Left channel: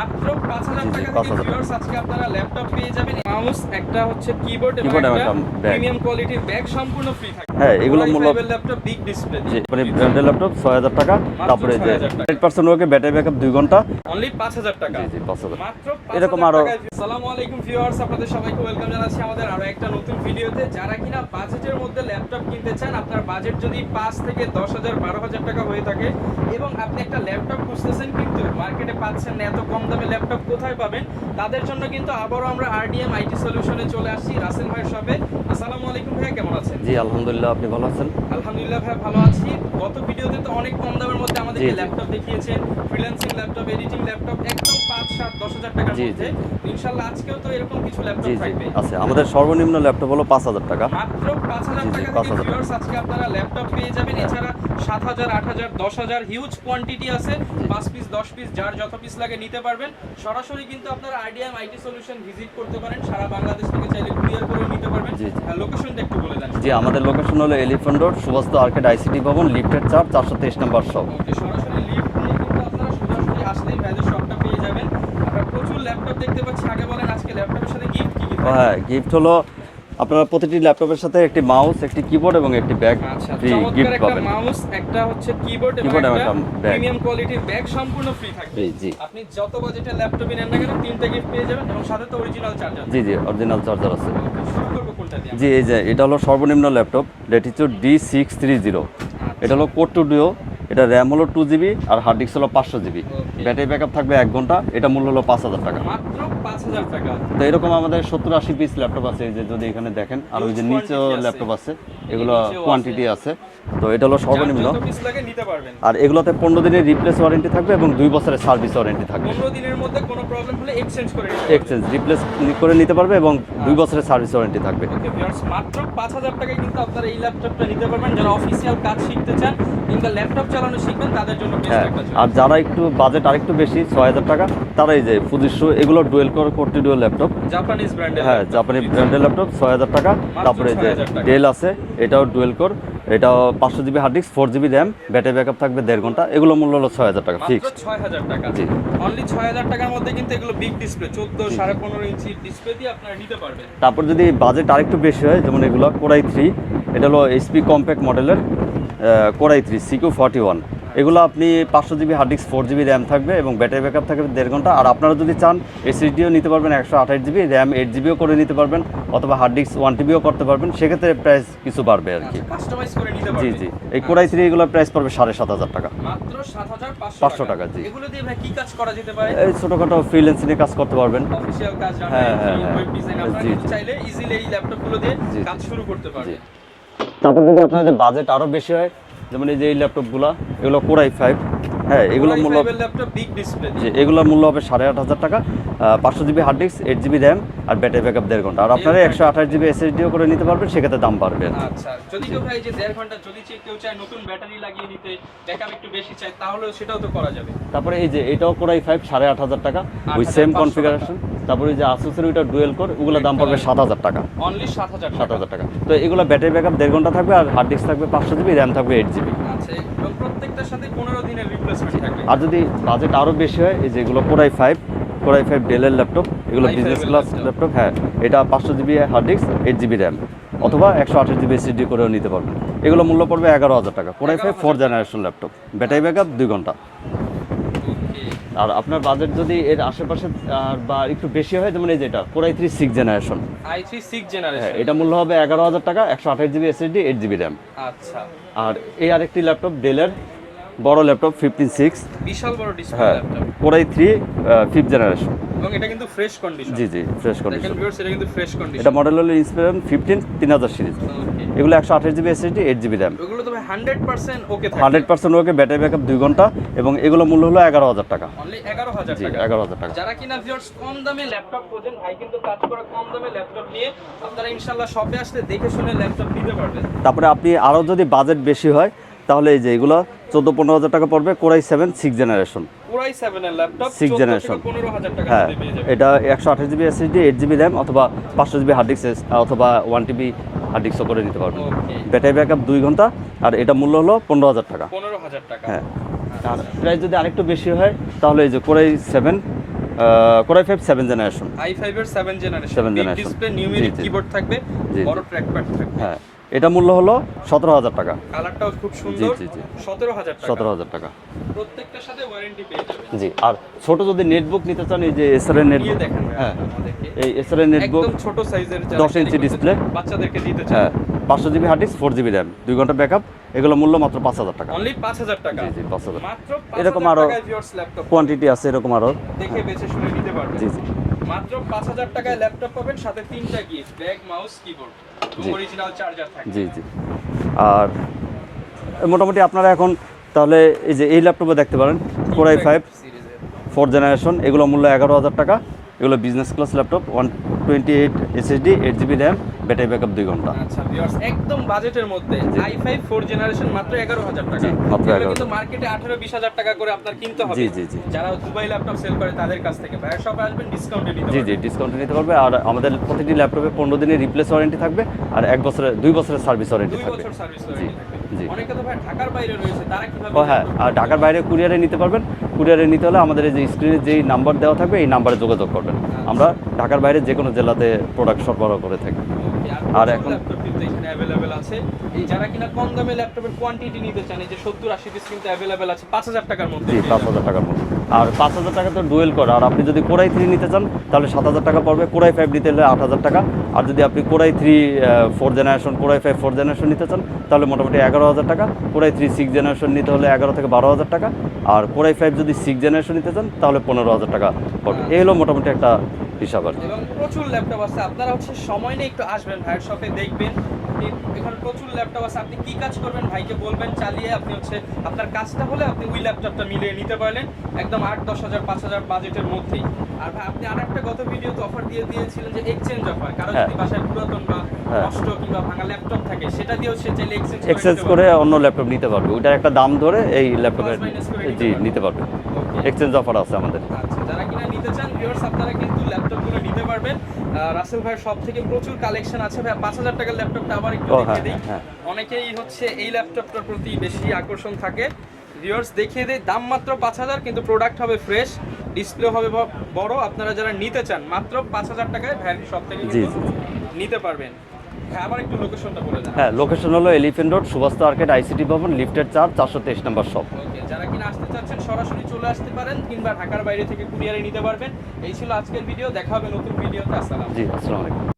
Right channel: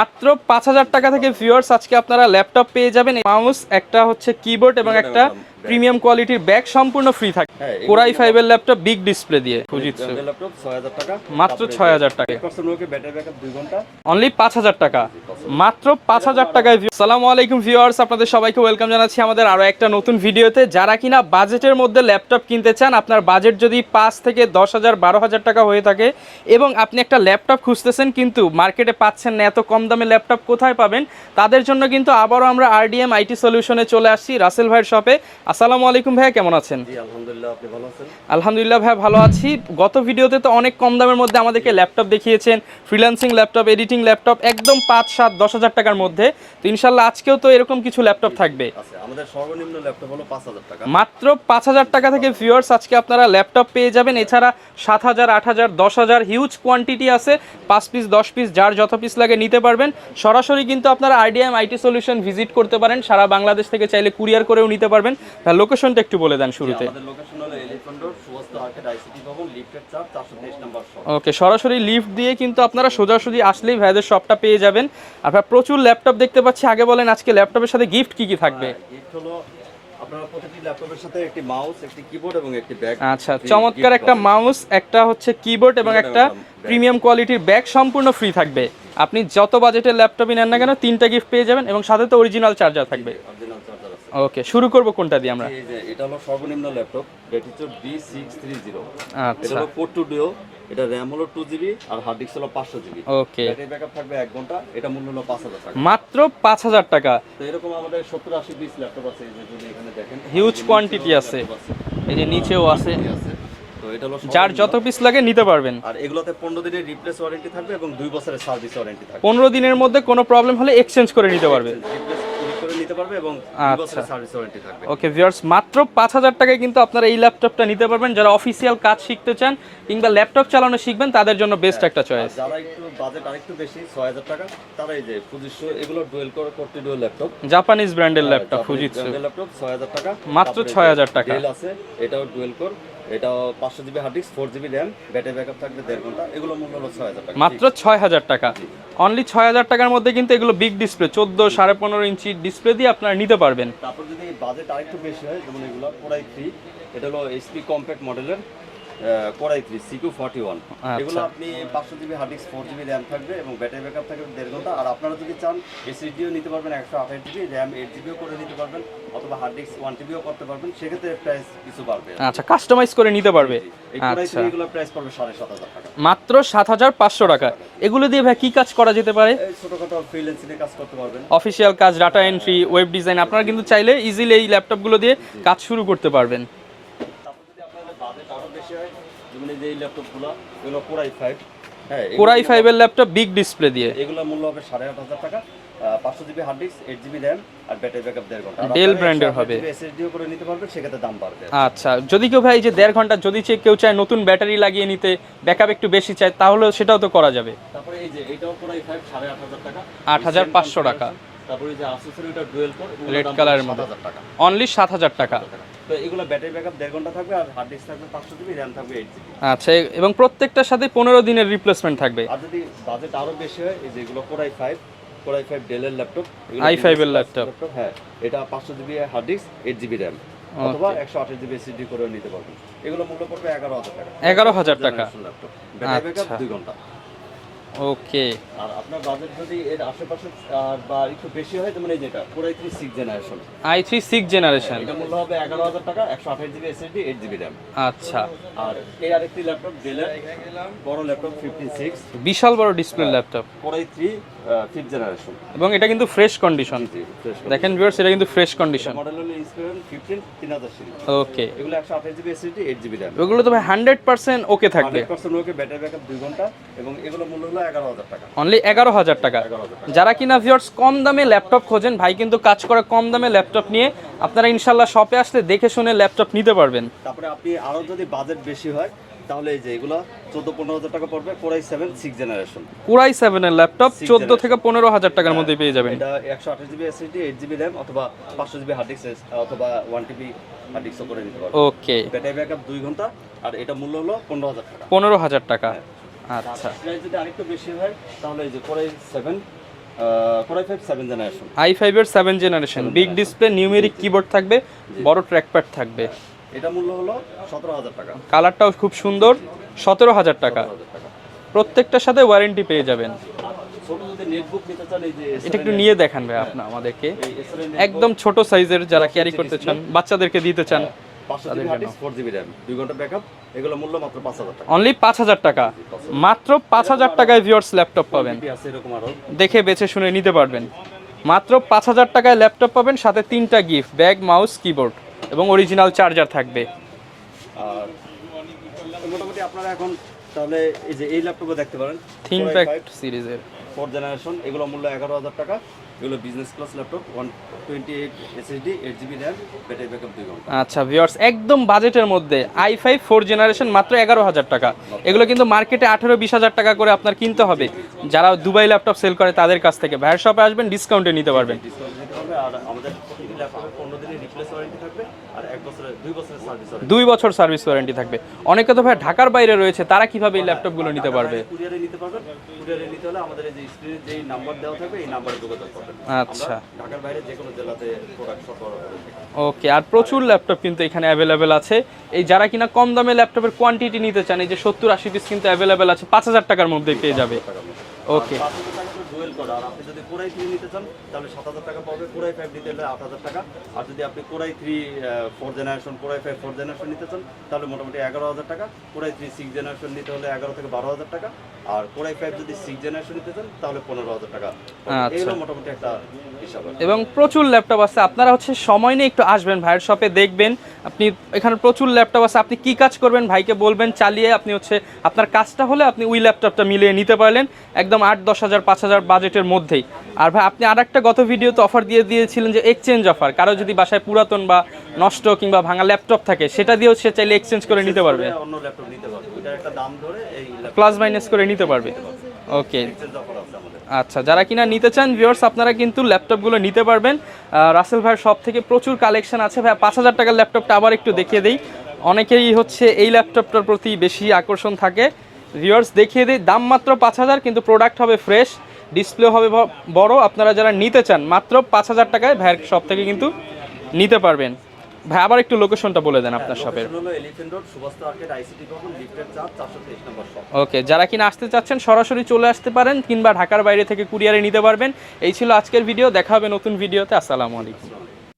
মাত্র ৫,০০০ টাকা থেকে ভিউয়ার্স আজকে আপনারা ল্যাপটপ পেয়ে যাবেন। মাউস, একটা হচ্ছে কিবোর্ড এবং একটা প্রিমিয়াম কোয়ালিটির ব্যাগ সম্পূর্ণ ফ্রি থাকবে। Core i5 এর ল্যাপটপ বিগ ডিসপ্লে দিয়ে। ব্র্যান্ডের ল্যাপটপ ৬০০০ টাকা, মাত্র ৬০০০ টাকা। 8% ওকে ব্যাটারি ব্যাকআপ 2 ঘন্টা, অনলি ৫,০০০ টাকা। মাত্র ৫,০০০ টাকায়। আসসালামু আলাইকুম ভিউয়ার্স, আপনাদের সবাইকে ওয়েলকাম জানাচ্ছি আমাদের আরো একটা নতুন ভিডিওতে। যারা কিনা বাজেটের মধ্যে ল্যাপটপ কিনতে চান, আপনার বাজেট যদি ৫ থেকে ১০,০০০ ১২,০০০ টাকা হয়ে থাকে এবং আপনি একটা ল্যাপটপ খুঁজতেছেন কিন্তু মার্কেটে পাচ্ছেন না, এত কম দামে ল্যাপটপ কোথায় পাবেন, তাদের জন্য কিন্তু আবারও আমরা আরডিএম আইটি সলিউশনে চলে আসছি রাসেল ভাইয়ের শপে। আসসালামু আলাইকুম ভাইয়া, কেমন আছেন? জি আলহামদুলিল্লাহ, আপনি ভালো আছেন? আলহামদুলিল্লাহ ভাইয়া, ভালো আছি। গত ভিডিওতে তো অনেক কম দামের মধ্যে আমাদেরকে ল্যাপটপ দেখিয়েছেন, ফ্রিল্যান্সিং ল্যাপটপ, এডিটিং ল্যাপটপ, একদম ৫, ৭, ১০,০০০ টাকার মধ্যে। তো ইনশাল্লাহ আজকেও তো এরকম কিছু ল্যাপটপ থাকবে। আচ্ছা, আমাদের সর্বনিম্ন ল্যাপটপ হলো ৫,০০০ টাকা। মাত্র ৫,০০০ টাকা থেকে ভিউয়ার্স আজকে আপনারা ল্যাপটপ পেয়ে যাবেন। এছাড়া ৭,০০০, ৮,০০০, ১০,০০০ হিউজ কোয়ান্টিটি আছে। ৫ পিস, ১০ পিস, যার যত পিস লাগে নিতে পারবেন। সরাসরি কিন্তু আপনারা আরডিএম আইটি সলিউশন ভিজিট করতে পারেন। সারা বাংলাদেশ থেকে চাইলে কুরিয়ার করেও নিতে পারবেন। তার লোকেশনটা একটু বলে দেন শুরুতে। আমাদের লোকেশন হলো এলিফ্যান্ট রোড, সুভাষ আর্কেড আইসিটি ভবন, লিফটের ৪, ৪২৩ নম্বর শপ। ওকে, সরাসরি লিফট দিয়ে কিন্তু আপনারা সোজাসুজি আসলেই ভাইদের শপটা পেয়ে যাবেন। আপনারা প্রচুর ল্যাপটপ দেখতে পাচ্ছি। আগে বলেন আজকে ল্যাপটপের সাথে গিফট কি কি থাকবে? হ্যাঁ, গিফট হলো আপনারা প্রতিটি ল্যাপটপের সাথে একটি মাউস, একটি কিবোর্ড এবং একটি ব্যাগ। আচ্ছা, চমৎকার একটা মাউস, একটা হচ্ছে কিবোর্ড এবং একটা প্রিমিয়াম কোয়ালিটির ব্যাগ সম্পূর্ণ ফ্রি থাকবে। আপনি যত বাজেটের ল্যাপটপই নেন না কেন, 3টা গিফট পেয়ে যাবেন এবং সাথে তো অরিজিনাল চার্জার থাকবে। জি, অরিজিনাল চার্জার আছে। ওকে, শুরু করব কোনটা দিয়ে আমরা? জি, এই যে এটা হলো সর্বনিম্ন ল্যাপটপ, ল্যাটিটিউড D630। আচ্ছা, এটা হলো কোর টু ডিও, এটা র্যাম হলো 2GB আর হার্ড ডিস্ক হলো 500GB। ওকে, ব্যাটারি ব্যাকআপ থাকবে 1 ঘন্টা। এটা মূল্য হলো ৫,০০০ টাকা। মাত্র ৫,০০০ টাকা। তো এরকম আমাদের 70-80 পিস ল্যাপটপ আছে। এই যে যদি এখানে দেখেন, হিউজ কোয়ান্টিটি আছে। ল্যাপটপ আছে, এই যে নিচেও আছে। তো এটা হলো যার সর্বনিম্ন। যত পিস লাগে নিতে পারবেন। আর এগুলোতে 15 দিনের রিপ্লেস ওয়ারেন্টি থাকবে এবং 2 বছরের সার্ভিস ওয়ারেন্টি থাকবে। 15 দিনের মধ্যে কোনো প্রবলেম হলে এক্সচেঞ্জ করে নিতে পারবেন। এক্সচেঞ্জ রিপ্লেস করে নিতে পারবে এবং 2 বছরের সার্ভিস ওয়ারেন্টি থাকবে। ওকে ভিউয়ার্স, মাত্র ৫,০০০ টাকায় কিন্তু আপনারা এই ল্যাপটপটা নিতে পারবেন। যারা অফিসিয়াল কাজ শিখতে চান কিংবা ল্যাপটপ চালানো শিখবেন, তাদের জন্য বেস্ট একটা চয়েস। আর যারা একটু বাজেট আরেকটু বেশি, ৬,০০০ টাকা, তারা এই যে ফুজিশো, এগুলো ডুয়েল কোর কোরটি ডুয়েল ল্যাপটপ, জাপানিজ ব্র্যান্ডের ল্যাপটপ, জাপানিজ ব্র্যান্ডের ল্যাপটপ, ৬,০০০ টাকা। মাত্র ৬,০০০ টাকা। ডেল আছে, এটাও ডুয়েল কোর, এটাও 500GB hard disk, 4GB RAM, battery backup থাকবে 1.5 ঘন্টা। এগুলো মূল্য হলো ৬,০০০ টাকা। মাত্র ৬,০০০ টাকা। অনলি ৬,০০০ টাকার মধ্যে কিন্তু এগুলো বিগ ডিসপ্লে, 14, 15.5 ইঞ্চি ডিসপ্লে দিয়ে আপনারা নিতে পারবেন। তারপর যদি বাজেট আরেকটু বেশি হয়, যেমন এগুলো Core i3, এটা হলো এইচপি কম্প্যাক্ট মডেলের Core i3 CQ41। এগুলো আপনি 500GB hard disk, 4GB RAM থাকবে এবং ব্যাটারি ব্যাকআপ থাকবে 1.5 ঘন্টা। আর আপনারা যদি চান এসএসডিও নিতে পারবেন, 128GB র্যাম, 8GBও করে নিতে পারবেন, অথবা হার্ড ডিস্ক 1TBও করতে পারবেন। সেক্ষেত্রে প্রাইস কিছু বাড়বে। আচ্ছা, কাস্টমাইজ করে নিতে পারবে। এই Core i3 এগুলো প্রাইস পড়বে ৭,৫০০ টাকা। মাত্র ৭,৫০০ টাকা। এগুলো দিয়ে ভাই কি কাজ করা যেতে পারে? এই ছোটখাটো ফ্রিল্যান্সিং এর কাজ করতে পারবেন, অফিসিয়াল কাজ, ডাটা এন্ট্রি, ওয়েব ডিজাইন। আপনারা কিন্তু চাইলে ইজিলি এই ল্যাপটপগুলো দিয়ে কাজ শুরু করতে পারবেন। তারপর যদি আপনাদের বাজেট আরো বেশি হয়, যেমন এই যে এই ল্যাপটপগুলো, এগুলো Core i5। হ্যাঁ, Core i5 এর ল্যাপটপ বিগ ডিসপ্লে দিয়ে। এগুলোর মূল্য হবে ৮,৫০০ টাকা, 500GB hard disk, 8GB RAM আর ব্যাটারি ব্যাকআপ 1.5 ঘন্টা। আর আপনারা 128GB এসএসডিও করে নিতে পারবেন, সেক্ষেত্রে দাম বাড়বে। আচ্ছা, যদি কেউ ভাই যে 1.5 ঘন্টা যদি কেউ চায় নতুন ব্যাটারি লাগিয়ে নিতে, ব্যাকআপ একটু বেশি চায়, তাহলে সেটাও তো করা যাবে। তারপরে এই যে এটাও Core i5, ৮,৫০০ টাকা, ৮,৫০০ টাকা। তারপরে এই যে Asus এর ওইটা ডুয়েল কোর, ওগুলোর দাম পড়বে ৭,০০০ টাকা। অনলি ৭,০০০ টাকা। তো এগুলো ব্যাটারি ব্যাকআপ 1.5 ঘন্টা থাকবে আর হার্ড ডিস্ক থাকবে 500GB, র্যাম থাকবে 8GB। আচ্ছা, এবং প্রত্যেকটার সাথে 15 দিনের রিপ্লেসমেন্ট থাকবে। আর যদি বাজেট আরো বেশি হয়, এই যে এগুলো Core i5 ডেলের ল্যাপটপ, এগুলো i5 এর ল্যাপটপ। হ্যাঁ, এটা 500GB hard disk, 8GB RAM, অথবা 128GB এসএসডি করেও নিতে পারবেন। এগুলো মূল্য পড়বে 11,০০০ টাকা। 11,০০০ জেনারেশন ল্যাপটপ, ব্যাটারি ব্যাকআপ 2 ঘন্টা। ওকে, আর আপনার বাজেট যদি এর আশেপাশে বা একটু বেশি হয়, যেমন এই যেটা Core i3 6th generation, i3 6th generation, এটা মূল্য হবে 11,০০০ টাকা, 128GB এসএসডি, 8GB র্যাম। আচ্ছা, আর এই আরেকটি ল্যাপটপ ডেলের বড় ল্যাপটপ 15/6, বিশাল বড় display laptop, Core i3 5th generation. এবং এটা কিন্তু ফ্রেশ কন্ডিশন। জি, ফ্রেশ কন্ডিশন। দেখেন ভিউয়ার্স, এটা কিন্তু ফ্রেশ কন্ডিশন। এটা মডেল হলো ইন্সপিরেশন 15 3000 সিরিজ। ওকে, এগুলো 128GB এসএসডি, 8GB র্যাম। এগুলো তো ভাই 100% ওকে থাকবে। 100% ওকে, ব্যাটারি ব্যাকআপ 2 ঘন্টা, এবং এগুলো মূল্য হলো 11,০০০ টাকা। অনলি 11,০০০ টাকা। 11,০০০ টাকা। যারা কিনা ভিউয়ার্স কম দামে ল্যাপটপ খোঁজেন, ভাই কিন্তু কাজ করে কম দামে ল্যাপটপ নিয়ে, আপনারা ইনশাআল্লাহ শপে আসলে দেখে শুনে ল্যাপটপ নিতে পারবেন। তারপরে আপনি আরো যদি বাজেট বেশি হয়, তাহলে এই যে এগুলো 14-15,000 টাকা পড়বে, Core i7 6th generation. Core i7 এর ল্যাপটপ 14 থেকে 15,000 টাকার মধ্যে পেয়ে যাবেন। এটা 128GB এসএসডি, 8GB র্যাম, অথবা 500GB হার্ড ডিস্ক, অথবা 1TB হার্ড ডিস্কও করে নিতে পারবেন। ওকে, ব্যাটারি ব্যাকআপ 2 ঘন্টা, আর এটা মূল্য হলো 15,000 টাকা। 15,000 টাকা। হ্যাঁ। আচ্ছা, প্রাইস যদি আরেকটু বেশি হয়, তাহলে এই যে Core i7 core i 5 7 generation. i5 এর 7 generation, big display, numeric keyboard থাকবে, বড় ট্র্যাকপ্যাড থাকবে। এটা মূল্য হলো 17000 টাকা। কালারটাও খুব সুন্দর। 17000 টাকা। 17000 টাকা। প্রত্যেকটার সাথে ওয়ারেন্টি পেয়ে যাবেন। জি, আর ছোট যদি নেটবুক নিতে চান, এই যে এসআর এর নিয়ে দেখান ভাই আমাদেরকে। এই এসআর এর নেটবুক একদম ছোট সাইজের, যারা ক্যারি করতে চান, বাচ্চাদেরকে দিতে চান। 500 GB hard disk, 4 GB RAM, 2 ঘন্টা ব্যাকআপ, এগুলো মূল্য মাত্র 5000 টাকা। অনলি 5000 টাকা। জি, 5000 মাত্র 5000 টাকায় ভিউয়ার্স ল্যাপটপ পাবেন। কোয়ান্টিটি আছে এরকম আরো, দেখে বেছে শুনে নিতে পারবেন। জি জি। মাত্র 5000 টাকায় ল্যাপটপ পাবেন, সাথে 3টা গিফট, ব্যাগ, মাউস, কিবোর্ড এবং অরিজিনাল চার্জার থাকবে। জি জি। আর মোটামুটি আপনারা এখন তাহলে এই যে এই ল্যাপটপে দেখতে পারেন, কোরাই 5 সিরিজের 4 জেনারেশন, এগুলো মূল্য 11000 টাকা। এগুলো business class laptop, 128 SSD, 8 GB RAM, battery backup 2 ঘন্টা। আচ্ছা ভিউয়ার্স, একদম বাজেটের মধ্যে i5 4 জেনারেশন মাত্র 11000 টাকা। এগুলো কিন্তু মার্কেটে 18-20 টাকা করে আপনার কিনতে হবে। জি, জি, জি। যারা দুবাই ল্যাপটপ সেল করে তাদের কাছ থেকে ভাইয়ের শপে আসবেন, ডিসকাউন্টে নিতে পারবেন। ডিসকাউন্টে নিতে পারবে। আর আমাদের প্রতিটি ল্যাপটপে 15 দিনের রিপ্লেস ওয়ারেন্টি থাকবে, আর 2 বছরের সার্ভিস ওয়ারেন্টি। 2 বছর সার্ভিস ওয়ারেন্টি থাকবে। অনেকে তো ভাই ঢাকার বাইরে রয়েছে, তারা কিভাবে এই ল্যাপটপগুলো নিতে ঢাকার পারবে? বাইরে কুরিয়ারে নিতে পারবেন। কুরিয়ারে নিতে হলে আমাদের এই যে স্ক্রিনে যেই নাম্বার দেওয়া থাকবে, এই নাম্বারে যোগাযোগ করবেন। আমরা ঢাকার বাইরে যে কোনো জেলাতে প্রোডাক্ট সরবরাহ করে থাকি। ওকে, আর প্রচুর ল্যাপটপ কিন্তু এখানে অ্যাভেলেবেল আছে। এই যারা কিনা কম দামে ল্যাপটপের কোয়ান্টিটি নিতে চান, এই যে 70-80 পিস কিন্তু অ্যাভেলেবেল আছে, 5000 টাকার মধ্যে পেয়ে যাবেন। 5000 টাকার মধ্যে। আর 5000 টাকা তো ডুয়েল করা। আর আপনি যদি কোরাই 3 নিতে চান তাহলে 7000 টাকা পড়বে। কোরাই 5 নিতে হলে 8000 টাকা। আর যদি আপনি কোরাই 3 4 জেনারেশন, কোরাই 5 4 জেনারেশন নিতে চান তাহলে মোটামুটি 11000 টাকা। কোরাই 3 6 জেনারেশন নিতে হলে 11 থেকে 12000 টাকা। আর কোরাই 5 যদি 6 জেনারেশন নিতে চান তাহলে 15000 টাকা পড়বে। এই হলো মোটামুটি একটা হিসাব আর কি। এবং প্রচুর ল্যাপটপ আছে, আপনারা হচ্ছে সময় নিয়ে একটু আসবেন ভাইয়ের শপে, দেখবেন আপনি এখানে প্রচুর ল্যাপটপ আছে। আপনি কি কাজ করবেন ভাইকে বলবেন, চালিয়ে আপনি হচ্ছে আপনার কাজটা হলে আপনি ওই ল্যাপটপটা মিলিয়ে নিতে পারলেন একদম 8-10 হাজার 5000 বাজেটের মধ্যেই। আর ভাই আপনি আরেকটা গত ভিডিওতে অফার দিয়েছিলেন যে এক্সচেঞ্জ অফার, কারো যদি বাসায় পুরাতন বা নষ্ট কিংবা ভাঙা ল্যাপটপ থাকে, সেটা দিয়েও সে চাইলে এক্সচেঞ্জ করে নিতে পারবে, অন্য ল্যাপটপ নিতে পারবে। ওইটার একটা দাম ধরে এই ল্যাপটপ প্লাস মাইনাস করে নিতে পারবে। ওকে, এক্সচেঞ্জ অফার আছে আমাদের। আচ্ছা, যারা কিনা নিতে চান ভিউয়ার্স, আপনারা কিন্তু ল্যাপটপগুলো নিতে পারবেন। রাসেল ভাইয়ের সব থেকে প্রচুর কালেকশন আছে। ভাই 5000 টাকার ল্যাপটপটা আবার একটু দেখিয়ে দিই। অনেকেই হচ্ছে এই ল্যাপটপটার প্রতি বেশি আকর্ষণ থাকে। ভিউয়ার্স দেখিয়ে দিই, দাম মাত্র 5000, কিন্তু প্রোডাক্ট হবে ফ্রেশ, ডিসপ্লে হবে বড়। আপনারা যারা নিতে চান মাত্র 5000 টাকায় ভাইয়ের সব থেকে কিন্তু নিতে পারবেন। ভাই আবার একটু লোকেশনটা বলে দেন। হ্যাঁ, লোকেশন হলো এলিফ্যান্ট রোড, সুভাষ আর্কেড, আইসিটি ভবন, লিফটের 4, 423 নম্বর শপ। ওকে, যারা কিনা আসতে চাচ্ছেন সরাসরি চলে আসতে পারেন, কিংবা ঢাকার বাইরে থেকে কুরিয়ারে নিতে পারবেন। এই ছিল আজকের ভিডিও, দেখা হবে নতুন ভিডিওতে। আসসালামু আলাইকুম।